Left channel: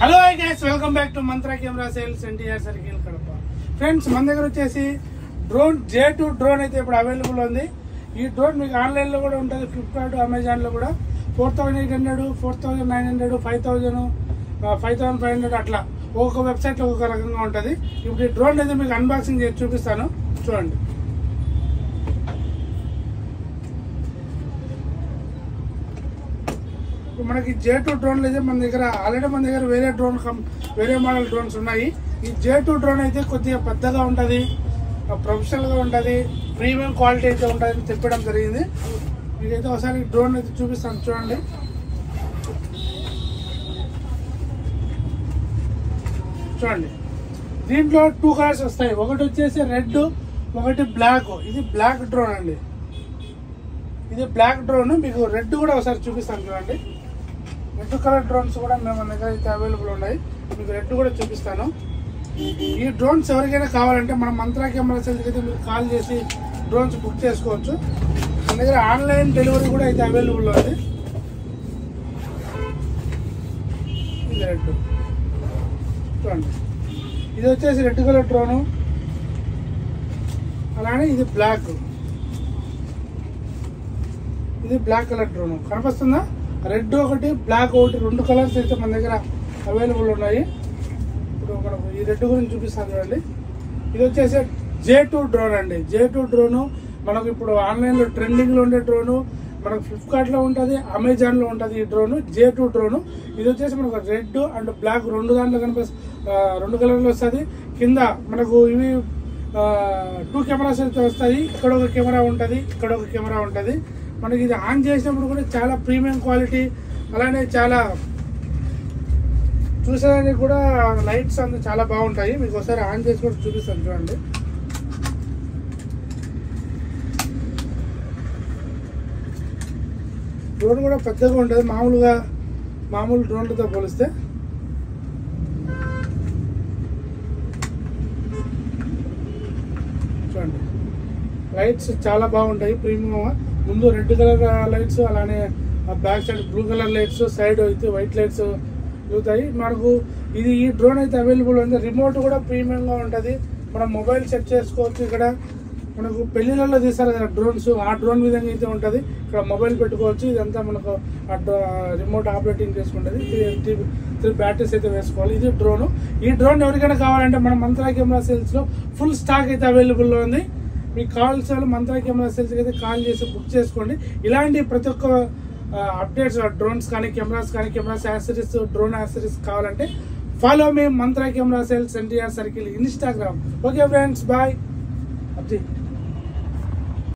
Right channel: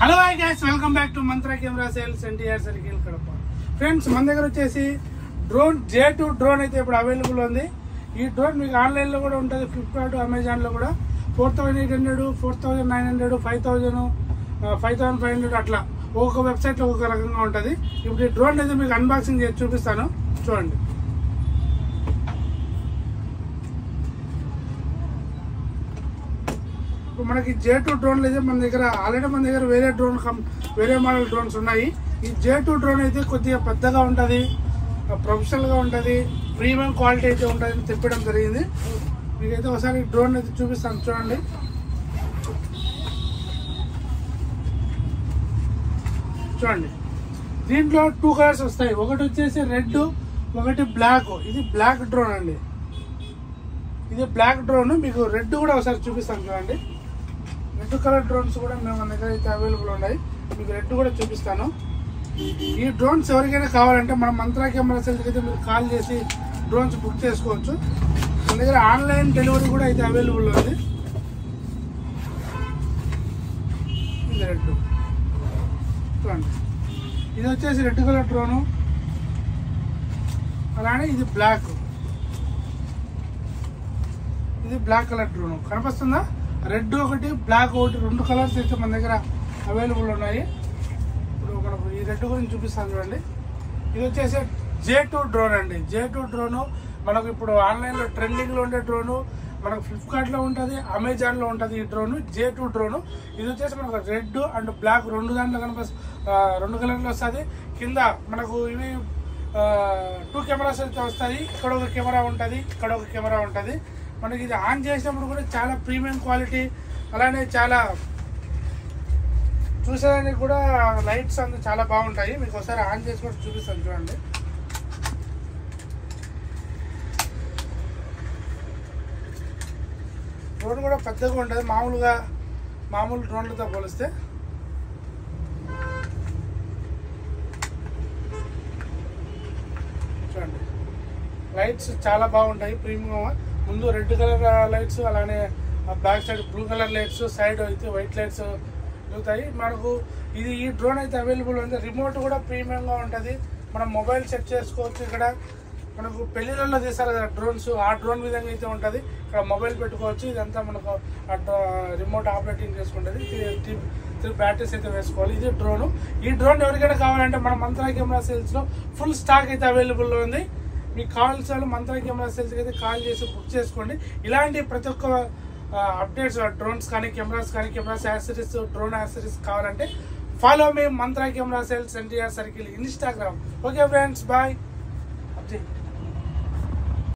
Hello hi guys, welcome back to mantra camera sales NTR circle Kadapa. Friends, మన దగ్గర వచ్చేసి drone J2 drone అయితే ఇప్పుడు అవైలబుల్ ఉంది. ఈ డ్రోన్ మీకు ఆన్లైన్ లో కూడా ఉంటుంది, ఫ్లిప్కార్ట్, అమెజాన్ లో కూడా. 4800, 4900, 5000, 5500 అట్లా ఒక్కొక్క వెబ్సైట్ లో ఒక్కొక్క రకంగా ఉంటుంది. ఇప్పుడు ఈ డ్రోన్ అయితే మీకు అన్బాక్సింగ్ చేసి చూపిస్తాను, చూడండి. ఇప్పుడు మనకి J2 డ్రోన్లు అయితే మన దగ్గర ఆల్రెడీ మన దగ్గర వేరే మోడల్ డ్రోన్స్ ఉన్నాయి. ఈ J2 డ్రోన్ అయితే కొద్దిగా పెద్దగా ఉంటుంది, ప్రొఫెషనల్ గా ఉంటుంది, ప్రీమియం క్వాలిటీ అయితే ఉంటుంది తెప్పడం జరిగింది. మీకైతే ఒకసారి డ్రోన్ అయితే చూపిస్తాను, చూడండి. చూడండి, దీంట్లో 2 కలర్స్ వస్తాయి. ఒకటి వచ్చేసి రెడ్, ఒకటి బ్లాక్. ఇది బ్లాక్ డ్రోన్ అండి, ఇది బ్లాక్ డ్రోన్. మీకు రెడ్ కూడా ఒకసారి చూపిస్తాను, చూడండి. రెడ్ కలర్ డ్రోన్స్ కూడా మన దగ్గర అయితే అవైలబుల్ ఉన్నాయి. మీకు రెడ్ కూడా చూపిస్తాను. ఈ డ్రోన్స్ ఎవరికైనా కావాలంటే మన మంత్రా కెమెరా సేల్స్ అయితే మీరు కాల్ చేసి డ్రోన్స్ బుక్ చేసుకోవచ్చు. మన దగ్గర ఆన్లైన్ డెలివరీ కూడా అయితే అవైలబుల్ ఉంది. ఇది రెడ్ చూడండి, ఇది వచ్చేసి రెడ్ కలర్ డ్రోను. అలానే ఇది బ్లాక్, ఇది బ్లాక్ కలర్ డ్రోన్. కనిపిస్తుందా? రెడ్ ఒకటి, బ్లాక్ ఒకటి, 2 కలర్స్ అయితే మన దగ్గర అవైలబుల్ ఉన్నాయి. ఇప్పుడు మనకు ఈ రెడ్ గురించి చూపిస్తాను, చూడండి. ఇది వచ్చేసి J2 డ్రోన్ అండి. J2 డ్రోను మనకు ఇప్పుడు ఆన్లైన్లో ట్రెండింగ్లో ఉండే డ్రోను. మనకు ఫ్లిప్కార్ట్లో ఉంటుంది, అమెజాన్లో ఉంటుంది. ఈ డ్రోను J2 డ్రోను. ఇది వచ్చేసి మనకు రెడ్ అండ్ బ్లాక్ 2 దాంట్లో రెండు కలర్లు వస్తుంది. కింద మనకు ఇవి 2 కెమెరాస్ అయితే వస్తాయి. ఇక్కడ ఒక కెమెరా ఉంటుంది, ఇక్కడ ఒక కెమెరా ఉంటుంది. మనకి ఇది ఆన్ చేసినప్పుడు కూడా చాలా ప్రీమియం క్వాలిటీ, అలానే చాలా చూసేదానికి కూడా లైట్స్ అంతా చాలా బాగుంటాయి. మీకు ఒకసారి ఆన్ చేసి కూడా చూపిస్తాను, చూడండి. డ్రోన్ కూడా పెద్దగా ఉంటుంది మామూలు డ్రోన్లతో పోలిస్తే. చూడండి, లైట్స్ చాలా బాగుంటాయి, ప్రీమియం. ముందు రెడ్ కలర్ లైట్స్, అలానే back side blue colour lights, side అయితే వైట్ లైట్స్ వెళ్తాయి. మనకు ఈ డ్రోన్ అయితే అవైలబుల్ ఉంది. రిమోట్ కూడా ప్రీమియంగా ఉంటుంది. మనం మొబైల్ సెట్ చేసుకోవచ్చు. ఇక్కడ మనకు పెళ్లిళ్ళలో తీస్తారు కదా డ్రోన్స్, ఆ డ్రోన్ విధంగా అయితే ఉంటుంది. ఇక్కడ మొబైల్ పెట్టుకోవచ్చు. ఇదంతా మనకు రిమోట్ ఆపరేటింగ్ చేసుకుంటుంది. 3 బ్యాటరీస్ అయితే వేసుకోవాలి. ఇది డ్రోన్. ఈ డ్రోన్ ఎవరికైనా కావాలంటే మన మంత్రా కెమెరా సేల్స్లో ఫుల్ స్టాక్ అయితే అవైలబుల్లో ఉంది. మీకు కావాల్సిన వాళ్ళు మంత్రా కెమెరా సేల్స్కి అయితే కాల్ చేసి బుక్ చేసుకోండి. ఇలాంటి ప్రతి ఒక్క అప్డేట్స్, డ్రోన్స్ కానీ, కెమెరాస్ కానీ, కెమెరాస్ యాక్సెసరీస్, డ్రోన్ యాక్సెసరీస్ కావాలంటే ఫాలో మీ Mantra camera sales NTR circle Instagram. Okay friends, bye. అబ్జీ.